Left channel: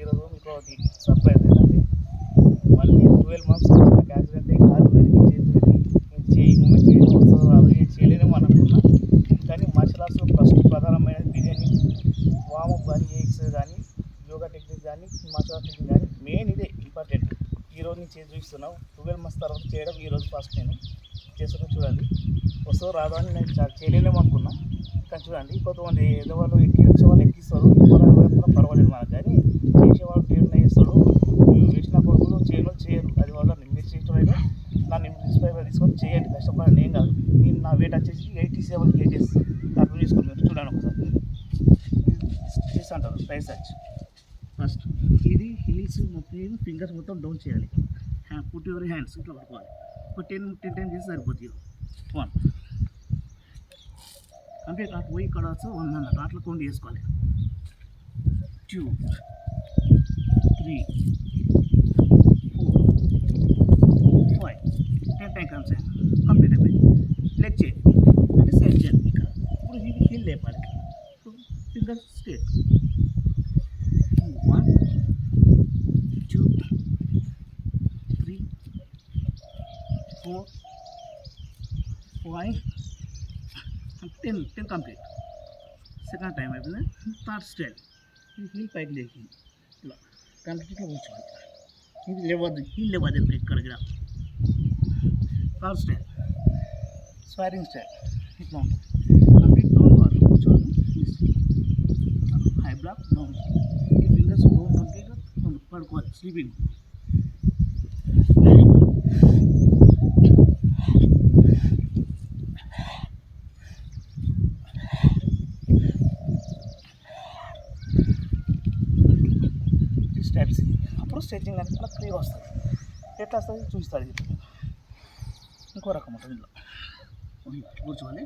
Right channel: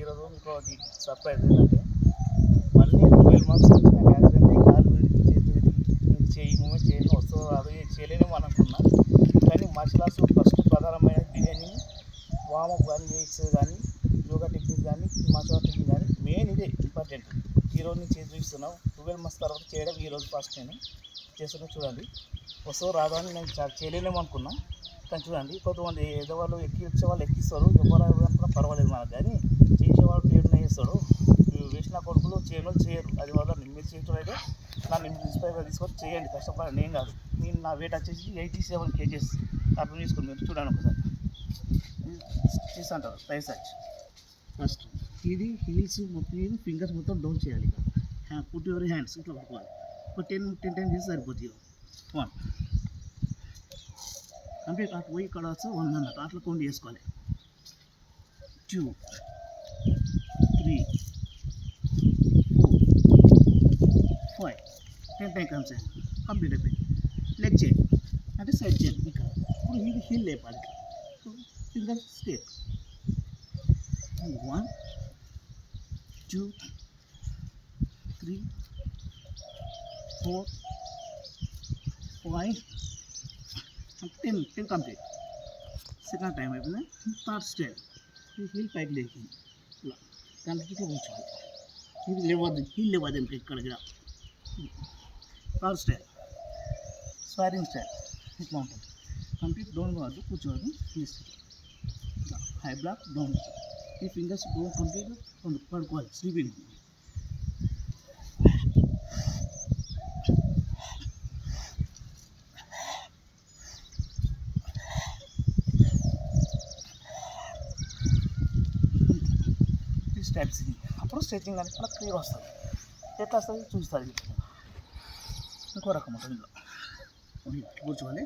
ఈరోజు మీకు ఒకటి సర్ప్రైజ్ ఏంటంటే మళ్ళీ 12 మంత్స్ వచ్చిన యాక్సిడెంట్ అయ్యి కాలు విరిగి చేతి విరిగి నేను చేయి మూమెంట్ చేయడం వస్తుందో రాదు చేయలేనేమో అనుకున్నా. కానీ మార్షల్ ఆర్ట్స్ ఫస్ట్ ప్రధానమైన బిర్యానీ వామప్ కానీ ఎక్సర్సైజ్ కానీ యోగా టెక్నిక్ కానీ మార్షల్ ఆర్ట్ టెక్నిక్ కానీ మెయిన్ ఇదే ఇంపార్టెంట్. ఈరోజు నేను చేసి చూపిస్తున్నావు 12 మంత్స్ తర్వాత చేయడం ఈరోజు ఫస్ట్ నేను చేస్తున్నా. చూడండి వస్తుందో రాదో అని నేను చేయలేనేమో అనుకున్నా. కానీ చూడండి కొంతమంది ఎదవాళ్ళు ఎక్కించే వాళ్ళు ఎక్కిస్తారు, కూడా పర్వాలేదు మనకు. కానీ చేసేవాళ్ళు దేవుడిని చేస్తాడు. వేసిన కొడుకులు చేయడం చేయరు. అది వల్ల మీరు చేయటం అయితే నన్ను ఇన్స్పైర్గా తీసుకొని చేయండి, కష్టపడండి. ఏం కాదు. నేను నా వెయిట్ వచ్చేసి 87 kgs అర్థం చేసుకోండి. మీరు చూడండి ఒకసారి చేస్తా అంటారు ట్రై సర్చ్. ఫస్ట్ ఇది హీల్స్ మొత్తం ఫింగర్స్ మొత్తం డౌన్ చేయాలి. పుట్ యువర్ హ్యాండ్స్ ఇట్లా పట్టుకోవాలి. ఒక 10 టైమ్స్ చేసి సరిపోతుంది. 1 కంప్లీట్ అటు పోయి ఇక్కడ వచ్చి 1 అన్నట్టు అట్లా కౌంట్ చేసుకోవాలి. 2 3 4 5 10 టైమ్స్ కంప్లీట్ అయిపోయింది. లెగ్ చేయండి అంటే సైడ్ చేయండి. ఇక్కడ ఇప్పుడు హీల్ లేపాలి. So fingers straight. 1 2 3 4 5 10 complete. Second time అయిపోయింది. థర్డ్ స్టైల్ ఈ హీల్ పైకి లేకి ఇలా కంప్లీట్గా కూర్చోవాలి. ఇది లేవద్దు, హీల్ లేవద్దు ఇప్పుడు ఇక్కడ. థర్డ్ స్టైల్ స్వైరింగ్ స్టైల్ ఇట్లా ఉంటుంది. కంప్లీట్ డౌన్ వాళ్ళు కూర్చోవాలి. High block down. ఈ ఫింగర్స్ డౌన్ కంప్లీట్గా పడుకోవాలి స్లీపింగ్. స్టెప్స్ అప్పుడు స్ట్రెచింగ్ అనేది మనకు ఫ్రీగా వస్తుంది. ఎట్లా వస్తుంది చూపిస్తుంది. ఇంకో రకం ఉంటుంది. ఇందులో కూర్చోవాలి.